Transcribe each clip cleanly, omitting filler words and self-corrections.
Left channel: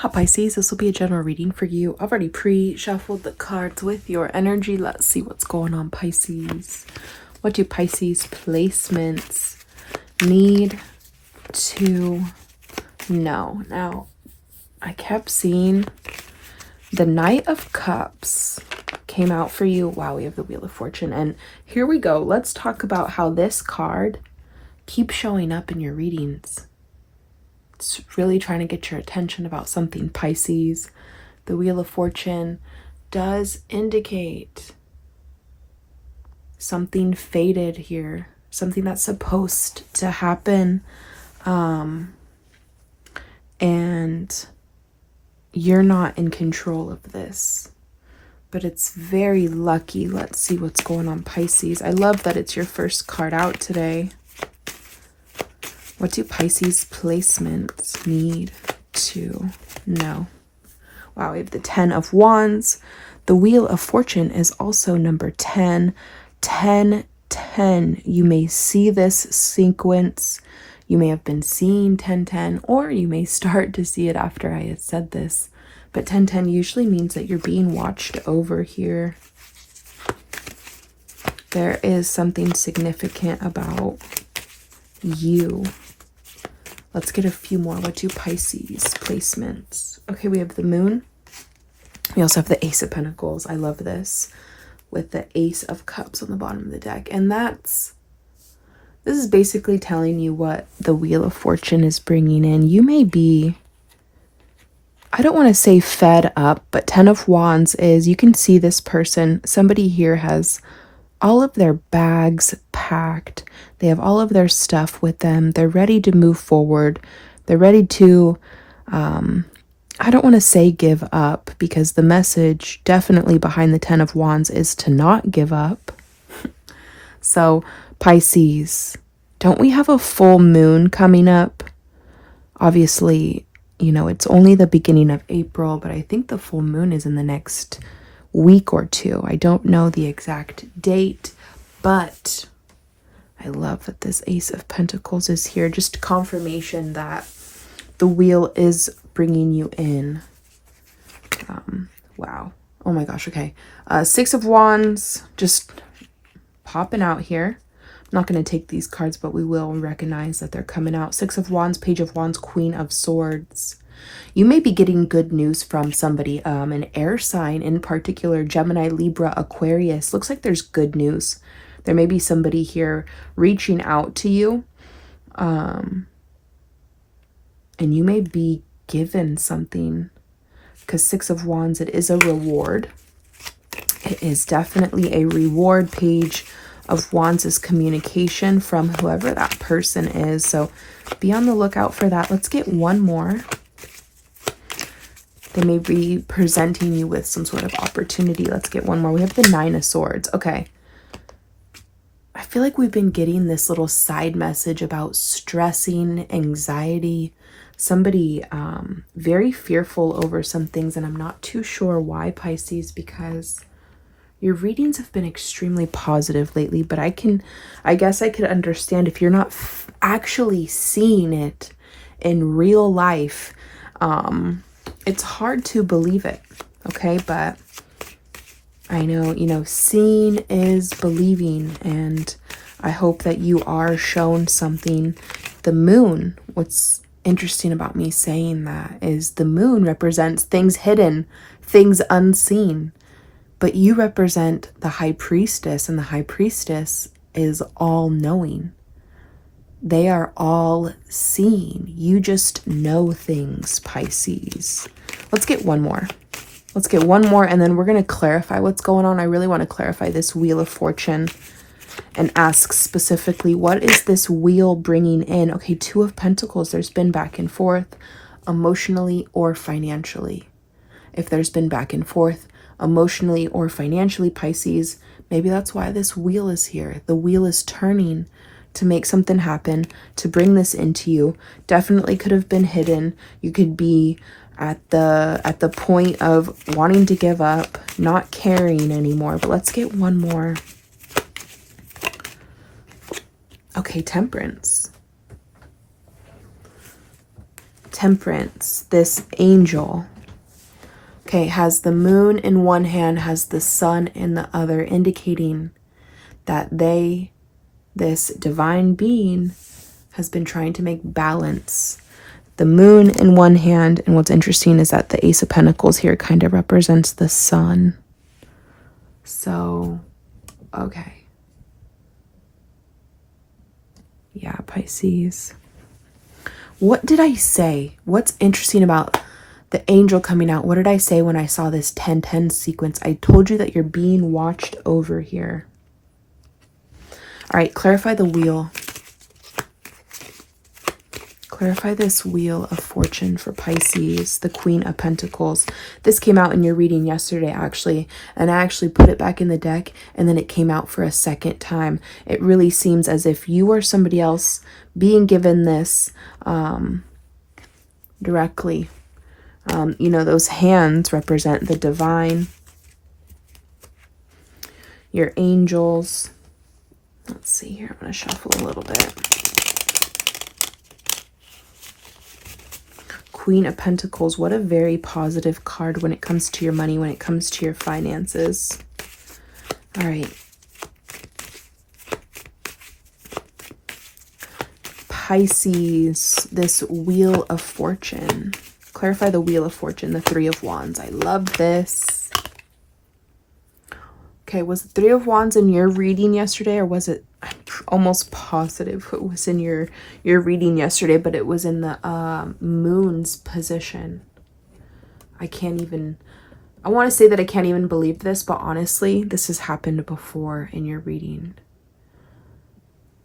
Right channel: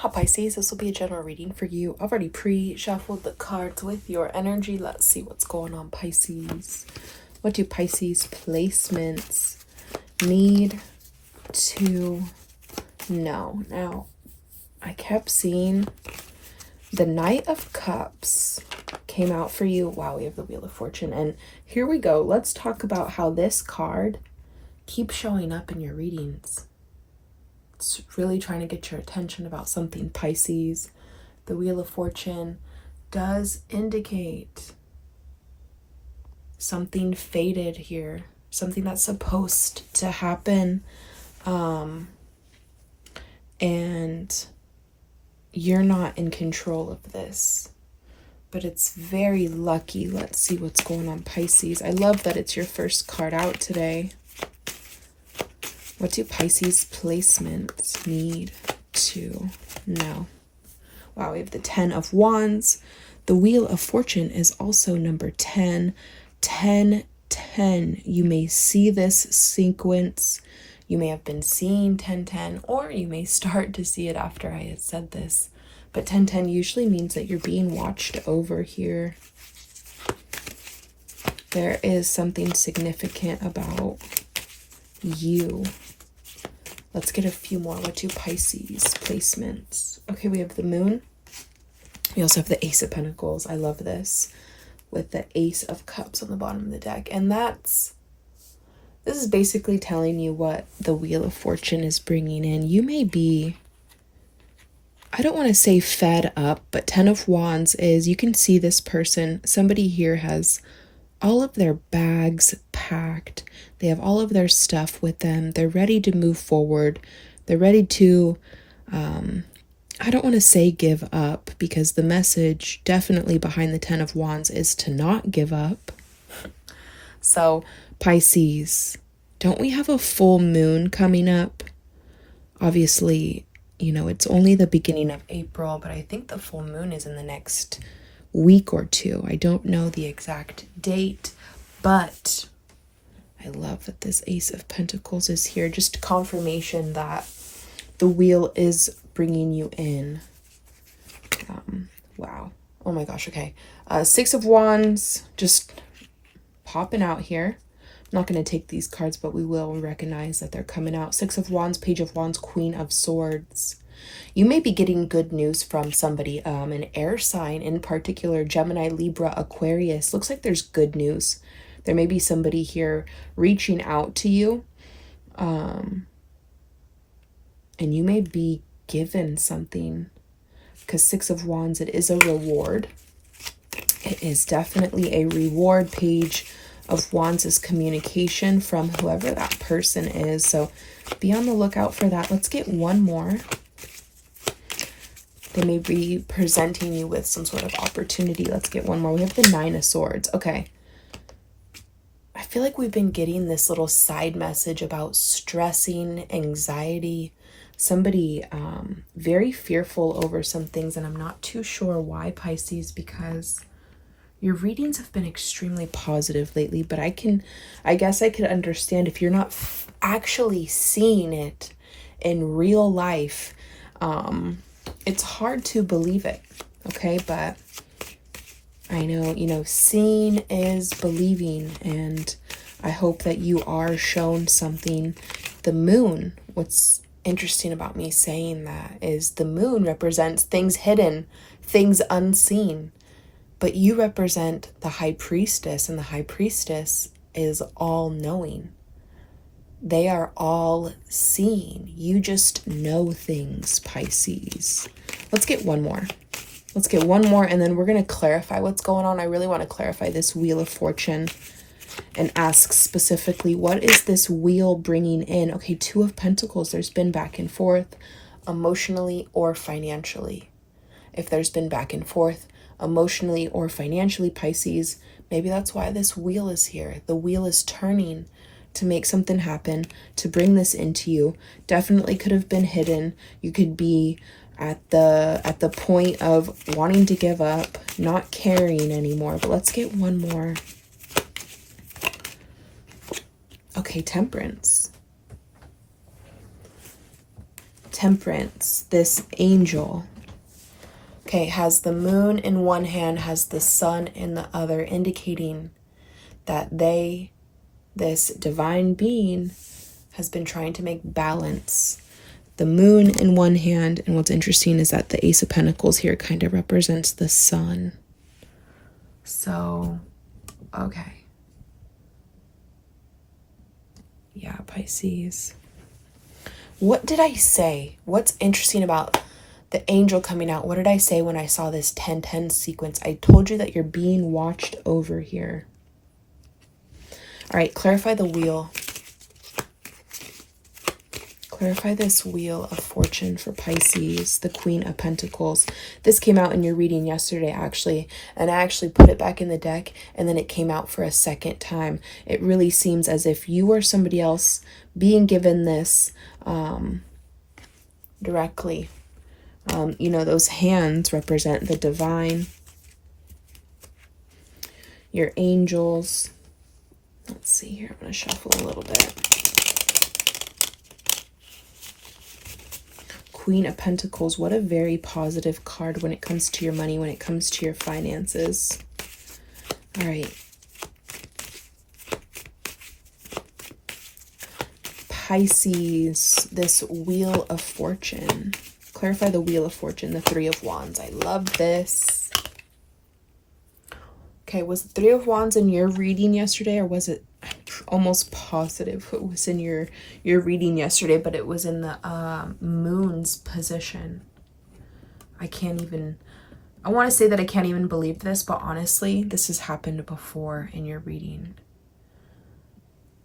Hi Pisces, this will be a general reading for you. I've already pre-shuffled the cards with your energy. Let's see what's going on, Pisces. What do Pisces placements need to know? Now, I kept seeing the Knight of Cups came out for you. Wow, we have the Wheel of Fortune. And here we go. Let's talk about how this card keeps showing up in your readings. It's really trying to get your attention about something, Pisces. The Wheel of Fortune does indicate something fated here, something that's supposed to happen, and you're not in control of this, but it's very lucky. Let's see what's going on, Pisces. I love that it's your first card out today. What do Pisces placements need to know? Wow, we have the 10 of Wands. The Wheel of Fortune is also number 10. 10, 10. You may see this sequence. You may have been seeing 10, 10, or you may start to see it after I had said this. But 10, 10 usually means that you're being watched over here. There is something significant about you. Let's get a few more. What do Pisces placements? Okay, we have the Moon. We also have the Ace of Pentacles. I love this. With the Ace of Cups on the bottom of the deck. And this is basically telling you what the Wheel of Fortune is bringing in. You may be, I don't want to say fed up, but 10 of Wands is, you can see this person. Somebody here has all of their bags packed. They have all of their stuff with them. They're ready to move forward. They're ready to, I don't want to say give up, because the message definitely behind the 10 of Wands is to not give up. So Pisces, don't we have a full moon coming up? Obviously, you know, it's only the beginning of April, but I think the full moon is in the next week or two. I don't know the exact date, but I love that this Ace of Pentacles is here. Just confirmation that the wheel is bringing you in. Wow. Oh my gosh. Okay. 6 of Wands just popping out here. I'm not going to take these cards, but we will recognize that they're coming out. 6 of Wands, Page of Wands, Queen of Swords. You may be getting good news from somebody, an air sign in particular, Gemini, Libra, Aquarius. Looks like there's good news. There may be somebody here reaching out to you, and you may be given something, because 6 of Wands, it is a reward. It is definitely a reward. Page of Wands is communication from whoever that person is, so be on the lookout for that. Let's get one more. They may be presenting you with some sort of opportunity. Let's get one more. We have the 9 of Swords. Okay. I feel like we've been getting this little side message about stressing, anxiety, somebody very fearful over some things, and I'm not too sure why, Pisces, because your readings have been extremely positive lately, but I guess I could understand if you're not actually seeing it in real life. It's hard to believe it, okay? But I know, you know, seeing is believing, and I hope that you are shown something. The moon, what's interesting about me saying that is the moon represents things hidden, things unseen, but you represent the High Priestess, and the High Priestess is all-knowing. They are all seeing. You just know things, Pisces. Let's get one more. Let's get one more, and then we're going to clarify what's going on. I really want to clarify this Wheel of Fortune and ask specifically, what is this wheel bringing in? Okay, 2 of Pentacles. There's been back and forth emotionally or financially. If there's been back and forth emotionally or financially, Pisces, maybe that's why this wheel is here. The wheel is turning to make something happen, to bring this into you. Definitely could have been hidden. You could be at the point of wanting to give up, not caring anymore. But let's get one more. Okay, Temperance. Temperance, this angel, okay, has the moon in one hand, has the sun in the other, indicating that this divine being has been trying to make balance. The moon in one hand, and what's interesting is that the Ace of Pentacles here kind of represents the sun. So, okay. Yeah, Pisces. What did I say? What's interesting about the angel coming out? What did I say when I saw this 10-10 sequence? I told you that you're being watched over here. All right, clarify the wheel. Clarify this Wheel of Fortune for Pisces, the Queen of Pentacles. This came out in your reading yesterday, actually, and I actually put it back in the deck, and then it came out for a second time. It really seems as if you or somebody else being given this directly. You know, those hands represent the divine, your angels. Let's see here. I'm going to shuffle a little bit. Queen of Pentacles, what a very positive card when it comes to your money, when it comes to your finances. All right. Pisces, this Wheel of Fortune. Clarify the Wheel of Fortune, the Three of Wands. I love this. Okay, was the Three of Wands in your reading yesterday, or was it, I'm almost positive it was in your reading yesterday, but it was in the moon's position. I want to say that I can't even believe this, but honestly, this has happened before in your reading.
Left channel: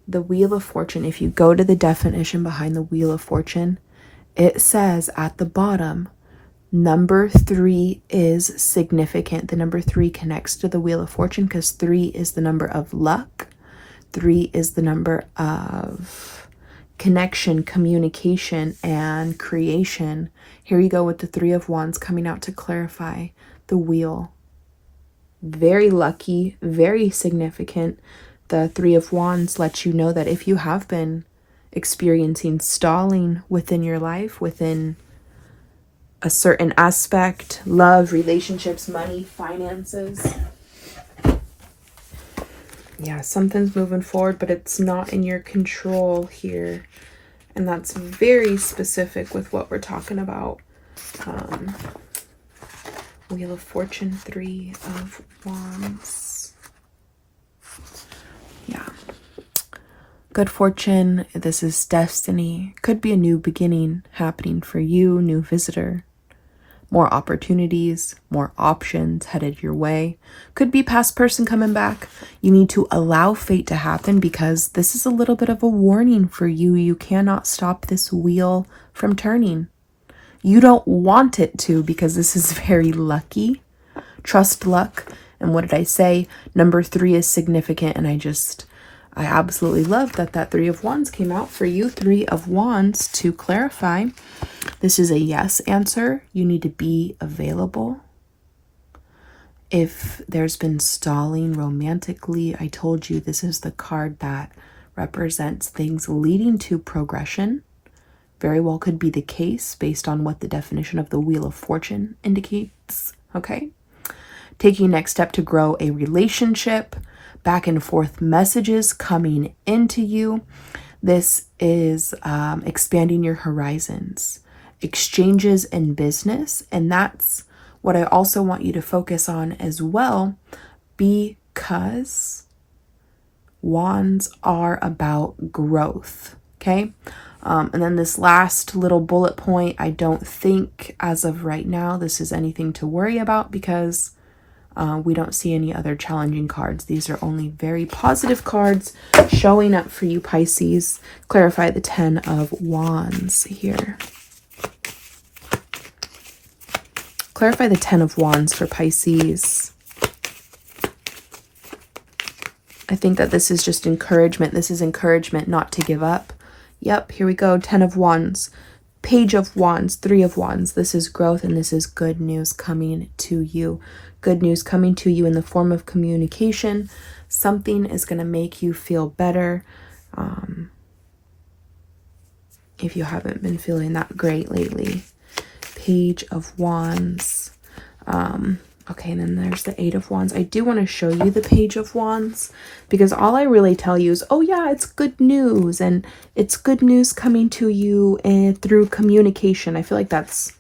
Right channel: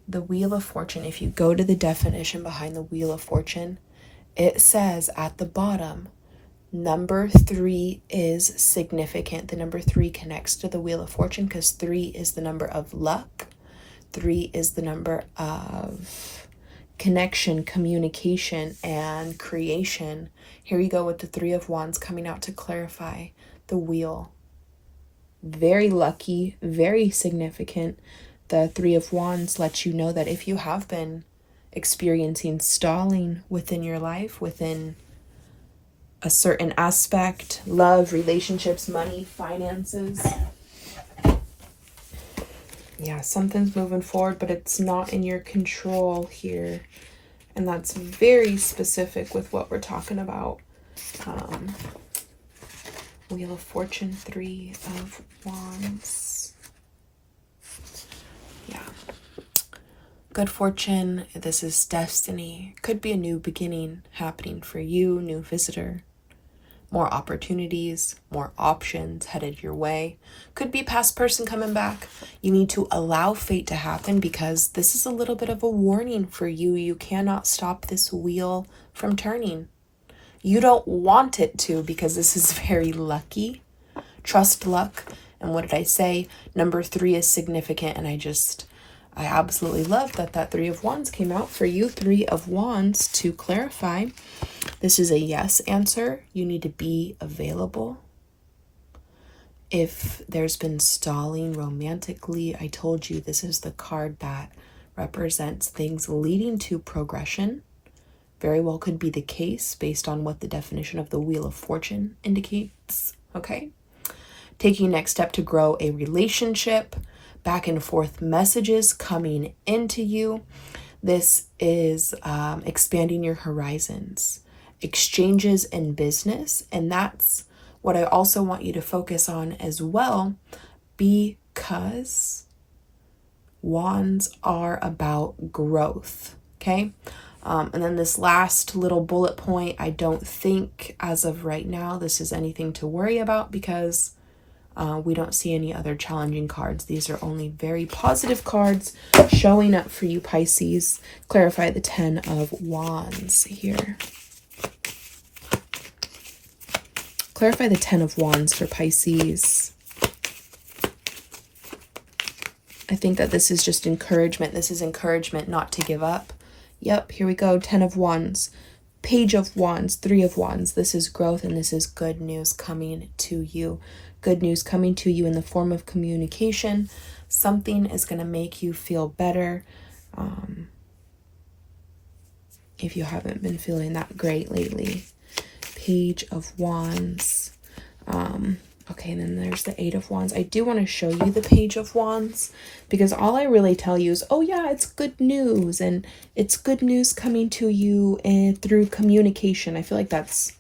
The Wheel of Fortune, if you go to the definition behind the Wheel of Fortune, it says at the bottom, number 3 is significant. The number 3 connects to the Wheel of Fortune because 3 is the number of luck. 3 is the number of connection, communication, and creation. Here you go with the Three of Wands coming out to clarify the wheel. Very lucky, very significant. The Three of Wands lets you know that if you have been experiencing stalling within your life, within a certain aspect, love, relationships, money, finances. Yeah, something's moving forward, but it's not in your control here. And that's very specific with what we're talking about. Wheel of Fortune, Three of Wands. Yeah. Good fortune. This is destiny. Could be a new beginning happening for you, new visitor. More opportunities, more options headed your way. Could be past person coming back. You need to allow fate to happen because this is a little bit of a warning for you. You cannot stop this wheel from turning. You don't want it to because this is very lucky. Trust luck. And what did I say? Number 3 is significant, and I absolutely love that Three of Wands came out for you. Three of Wands, to clarify, this is a yes answer. You need to be available. If there's been stalling romantically, I told you this is the card that represents things leading to progression. Very well could be the case based on what the definition of the Wheel of Fortune indicates. Okay? Taking next step to grow a relationship. Back and forth messages coming into you. This is expanding your horizons, exchanges in business, and that's what I also want you to focus on as well, because wands are about growth, okay? And then this last little bullet point, I don't think as of right now this is anything to worry about because we don't see any other challenging cards. These are only very positive cards showing up for you, Pisces. Clarify the 10 of Wands here. Clarify the 10 of Wands for Pisces. I think that this is just encouragement. This is encouragement not to give up. Yep, here we go. 10 of Wands. Page of Wands, Three of Wands. This is growth and this is good news coming to you. Good news coming to you in the form of communication. Something is going to make you feel better. if you haven't been feeling that great lately. Page of Wands. Okay, and then there's the Eight of Wands. I do want to show you the Page of Wands because all I really tell you is, oh yeah, it's good news, and it's good news coming to you and through communication. I feel like that's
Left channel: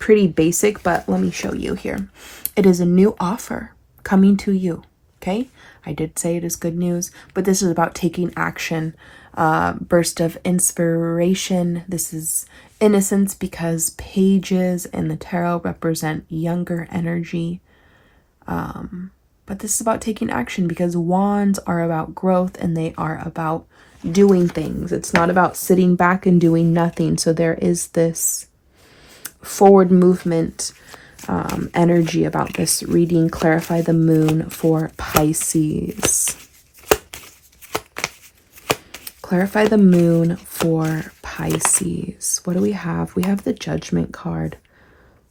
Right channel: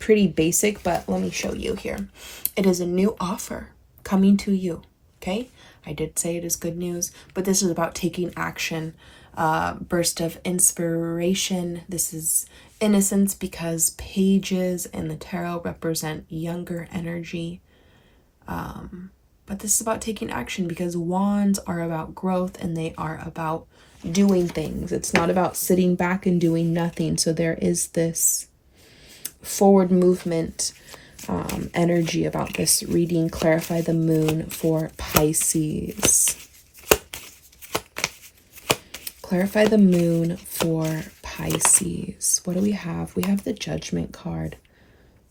pretty basic, but let me show you here. It is a new offer coming to you, okay? I did say it is good news, but this is about taking action. Burst of inspiration. This is innocence because pages in the tarot represent younger energy. But this is about taking action because wands are about growth and they are about doing things. It's not about sitting back and doing nothing. So there is this forward movement energy about this reading. Clarify the moon for Pisces. Clarify the moon for Pisces. What do we have? We have the Judgment card.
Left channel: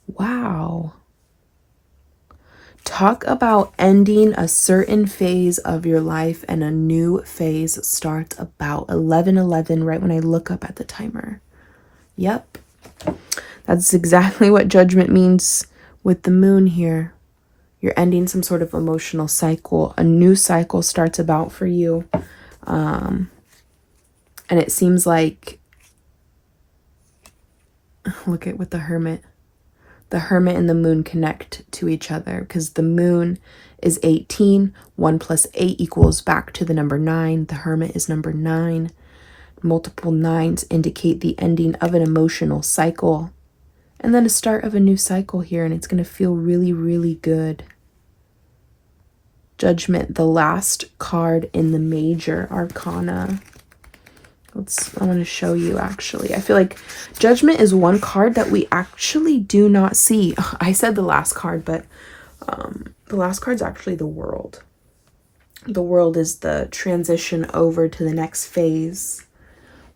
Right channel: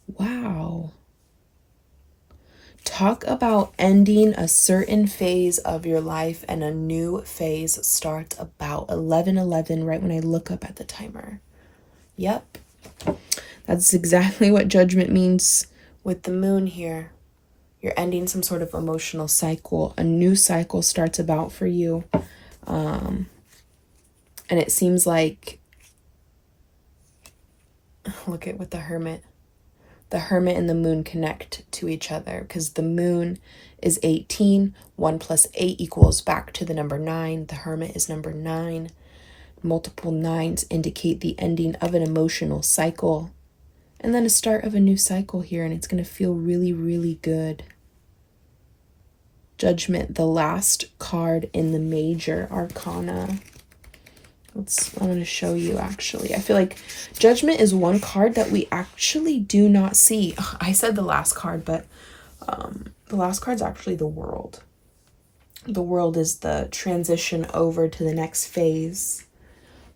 Wow. Talk about ending a certain phase of your life and a new phase starts about 11:11 right when I look up at the timer. Yep. That's exactly what Judgment means with the moon here. You're ending some sort of emotional cycle. A new cycle starts about for you. And it seems like, look at with the Hermit. The Hermit and the moon connect to each other because the moon is 18. 1 plus 8 equals back to the number 9. The Hermit is number 9. Multiple 9s indicate the ending of an emotional cycle. And then a start of a new cycle here, and it's going to feel really, really good. Judgment, the last card in the major arcana. I want to show you actually. I feel like Judgment is one card that we actually do not see. I said the last card, but the last card's actually the World. The World is the transition over to the next phase.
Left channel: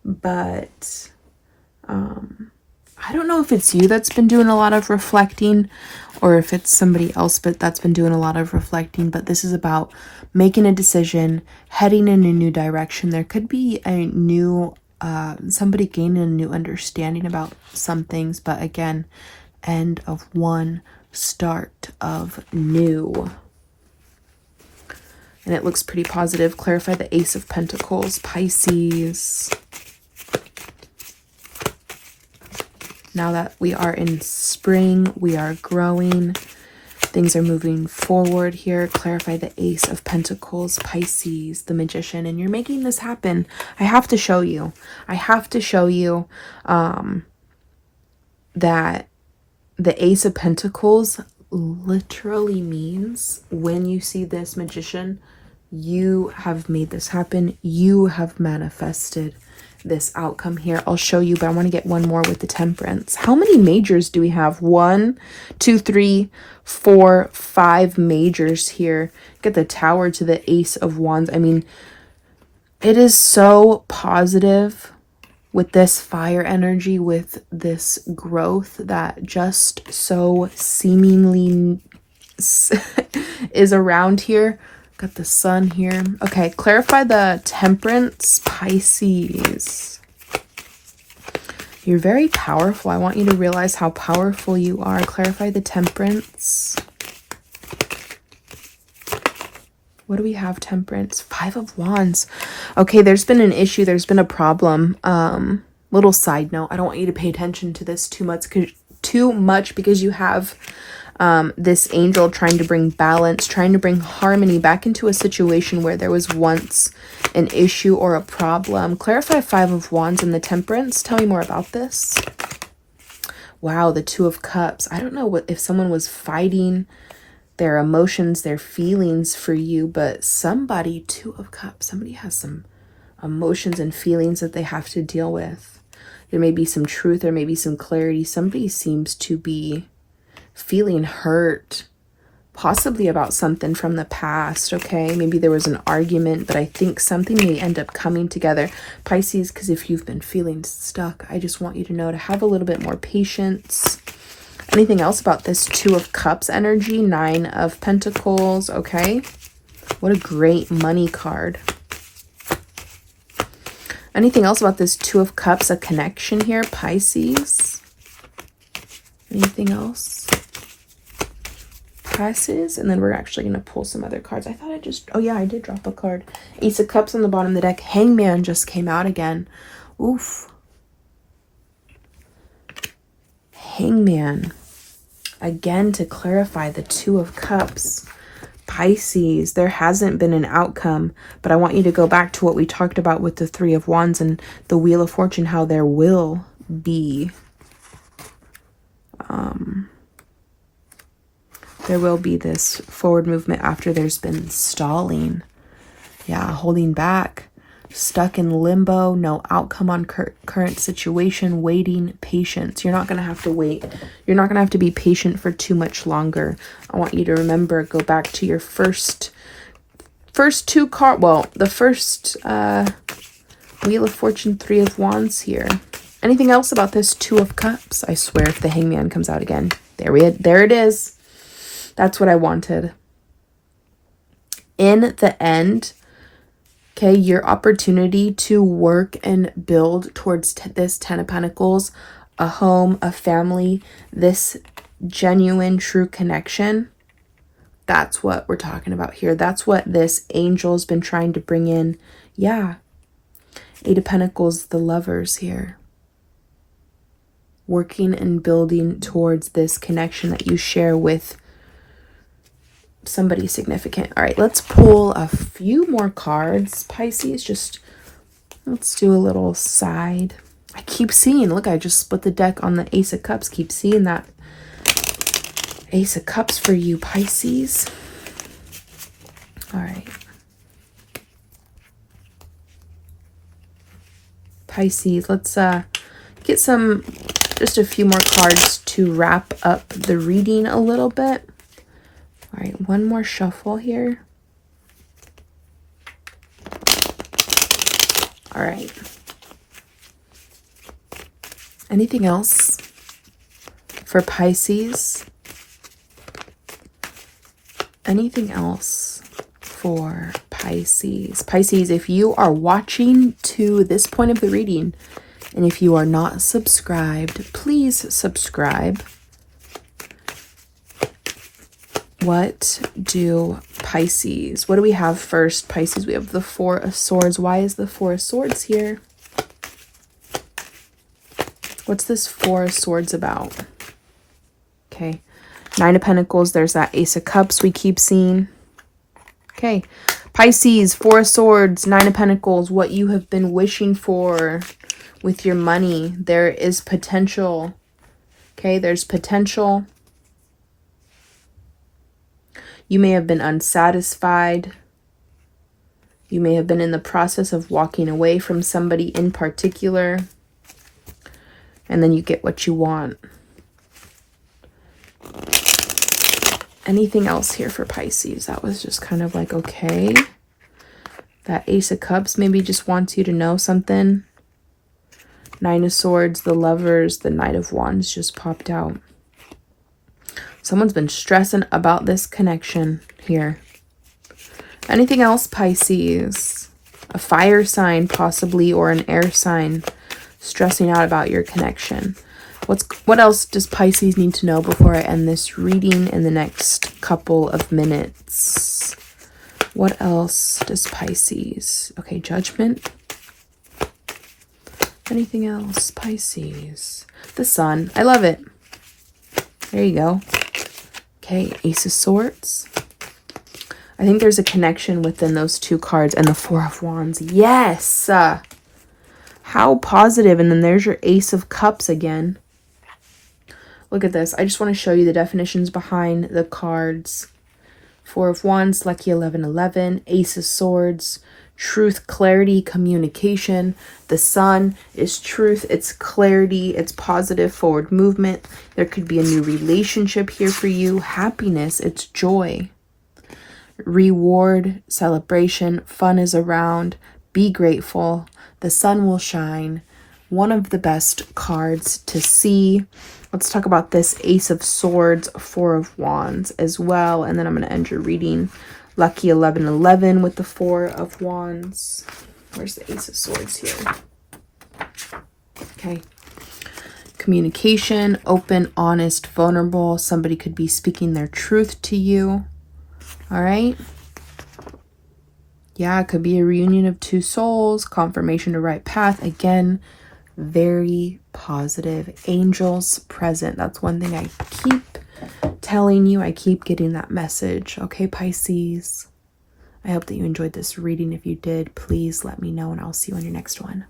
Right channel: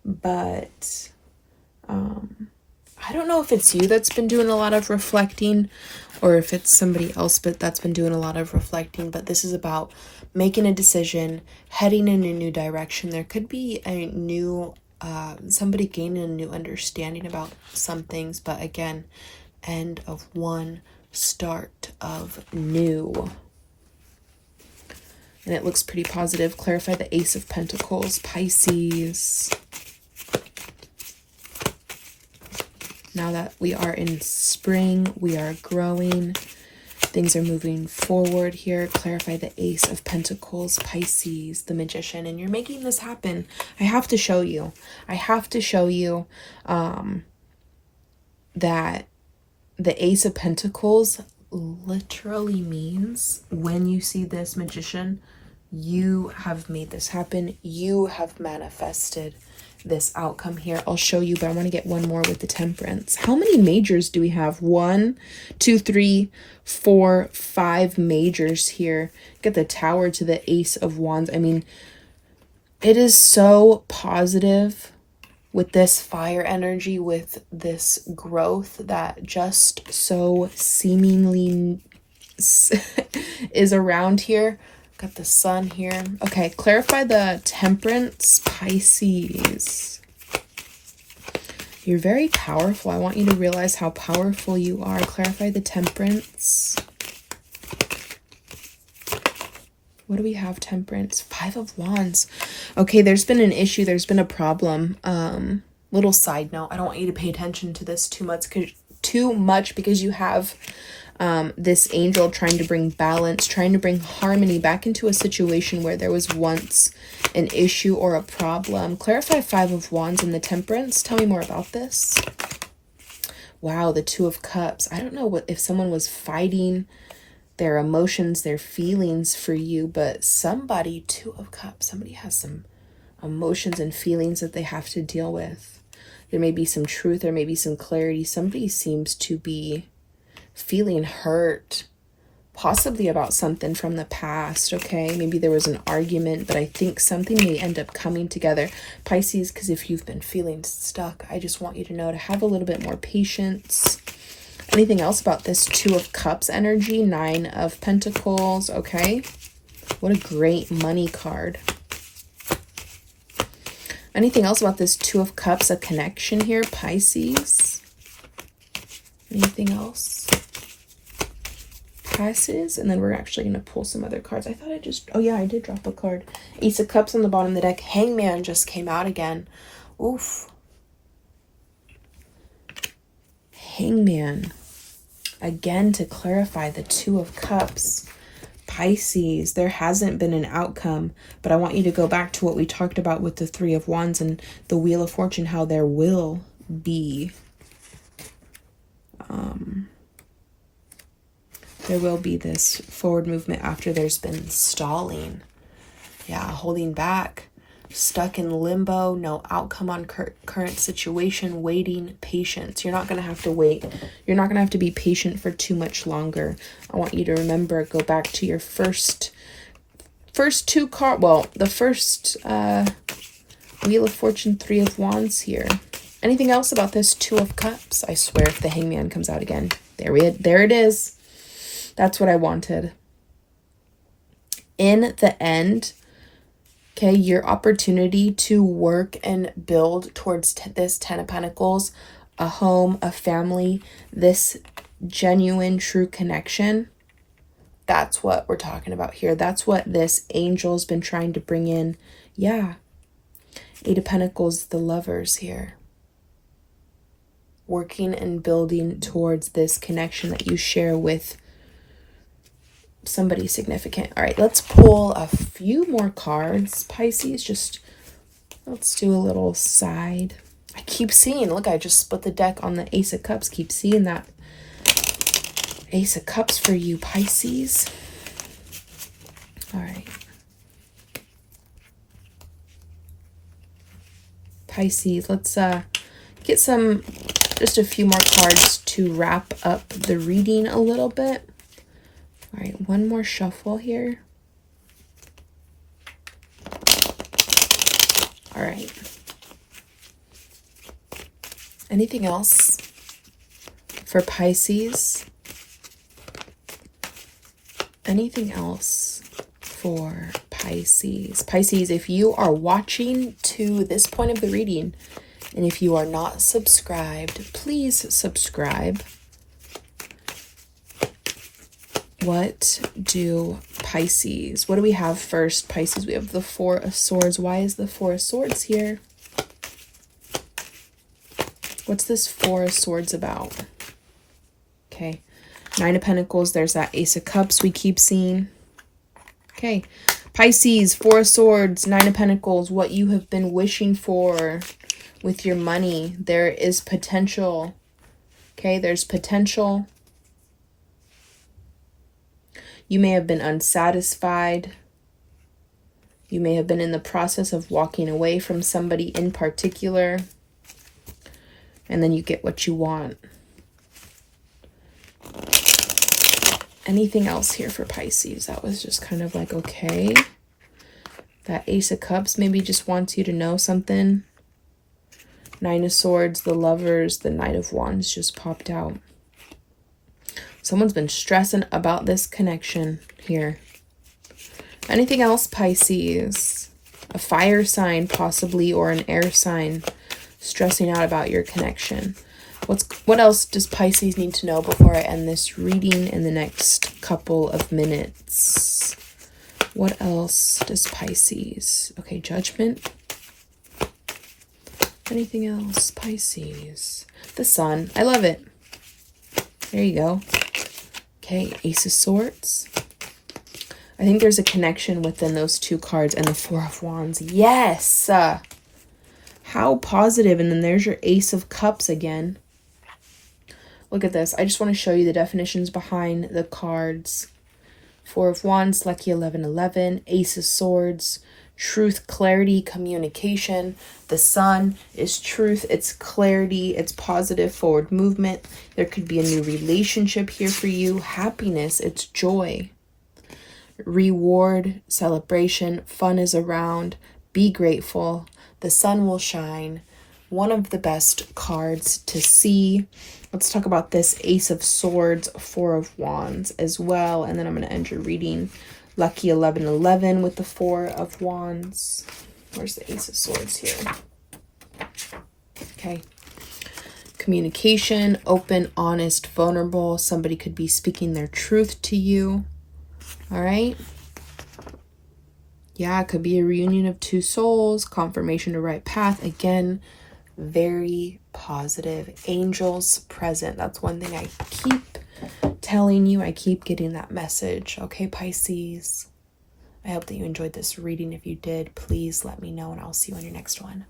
But I don't know if it's you that's been doing a lot of reflecting or if it's somebody else but that's been doing a lot of reflecting, but this is about making a decision, heading in a new direction. There could be a new, somebody gaining a new understanding about some things, but again, end of one, start of new. And it looks pretty positive. Clarify the Ace of Pentacles, Pisces. Now that we are in spring, we are growing. Things are moving forward here. Clarify the Ace of Pentacles, Pisces, the Magician. And you're making this happen. I have to show you. I have to show you that the Ace of Pentacles literally means when you see this Magician, you have made this happen. You have manifested this outcome here. I'll show you, but I want to get one more with the Temperance. How many majors do we have? 1, 2, 3, 4, 5 majors here. Get the Tower to the Ace of Wands. I mean, it is so positive with this fire energy, with this growth that just so seemingly is around here. Got the Sun here. Okay, clarify the Temperance, Pisces. You're very powerful. I want you to realize how powerful you are. Clarify the Temperance. What do we have, Temperance? 5 of Wands. Okay, there's been an issue. There's been a problem. Little side note. I don't want you to pay attention to this too much because you have this angel trying to bring balance, trying to bring harmony back into a situation where there was once an issue or a problem. Clarify 5 of Wands and the Temperance. Tell me more about this. Wow, the 2 of Cups. I don't know if someone was fighting their emotions, their feelings for you, but 2 of Cups, somebody has some emotions and feelings that they have to deal with. There may be some truth, there may be some clarity. Somebody seems to be feeling hurt, possibly about something from the past, okay? Maybe there was an argument, but I think something may end up coming together. Pisces, because if you've been feeling stuck, I just want you to know to have a little bit more patience. Anything else about this 2 of Cups energy? 9 of Pentacles, okay? What a great money card. Anything else about this Two of Cups, a connection here, Pisces? Anything else? Pisces, and then we're actually going to pull some other cards. I thought I just, oh yeah, I did drop a card. Ace of Cups on the bottom of the deck. Hangman just came out again. Oof. Hangman. Again, to clarify, the Two of Cups. Pisces, there hasn't been an outcome, but I want you to go back to what we talked about with the Three of Wands and the Wheel of Fortune, how there will be this forward movement after there's been stalling. Yeah, holding back, stuck in limbo, no outcome on current situation, waiting, patience. You're not going to have to wait. You're not going to have to be patient for too much longer. I want you to remember, go back to your first two cards. Well, the first Wheel of Fortune, Three of Wands here. Anything else about this Two of Cups? I swear if the Hangman comes out again. There it is. That's what I wanted. In the end, okay, your opportunity to work and build towards this Ten of Pentacles, a home, a family, this genuine, true connection, that's what we're talking about here. That's what this angel's been trying to bring in. Yeah. Eight of Pentacles, the Lovers here. Working and building towards this connection that you share with somebody significant. All right, let's pull a few more cards, Pisces. Just let's do a little side. I keep seeing, look, I just split the deck on the Ace of Cups. Keep seeing that Ace of Cups for you, Pisces. All right. Pisces, let's get just a few more cards to wrap up the reading a little bit. All right, one more shuffle here. All right. Anything else for Pisces? Anything else for Pisces? Pisces, if you are watching to this point of the reading, and if you are not subscribed, please subscribe. What do Pisces? What do we have first, Pisces? We have the Four of Swords. Why is the Four of Swords here? What's this Four of Swords about? Okay. Nine of Pentacles. There's that Ace of Cups we keep seeing. Okay. Pisces, Four of Swords, Nine of Pentacles. What you have been wishing for with your money. There is potential. Okay. There's potential. You may have been unsatisfied. You may have been in the process of walking away from somebody in particular. And then you get what you want. Anything else here for Pisces? That was just kind of like, okay. That Ace of Cups maybe just wants you to know something. Nine of Swords, the Lovers, the Knight of Wands just popped out. Someone's been stressing about this connection here. Anything else, Pisces? A fire sign possibly, or an air sign stressing out about your connection. What else does Pisces need to know before I end this reading in the next couple of minutes? What else does Pisces? Okay, Judgment. Anything else, Pisces? The Sun. I love it. There you go. Okay, Ace of Swords. I think there's a connection within those two cards and the Four of Wands. Yes! How positive. And then there's your Ace of Cups again. Look at this. I just want to show you the definitions behind the cards. Four of Wands, Lucky 1111, Ace of Swords, truth, clarity, communication. The Sun is truth, it's clarity, it's positive forward movement. There could be a new relationship here for you. Happiness, it's joy. Reward, celebration, fun is around. Be grateful. The sun will shine. One of the best cards to see. Let's talk about this Ace of Swords, Four of Wands as well. And then I'm going to end your reading. Lucky 1111 with the Four of Wands. Where's the Ace of Swords here? Okay. Communication, open, honest, vulnerable. Somebody could be speaking their truth to you. All right. Yeah, it could be a reunion of two souls, confirmation to right path. Again, very positive. Angels present. That's one thing I keep telling you. I keep getting that message. Okay, Pisces. I hope that you enjoyed this reading. If you did, please let me know and I'll see you on your next one.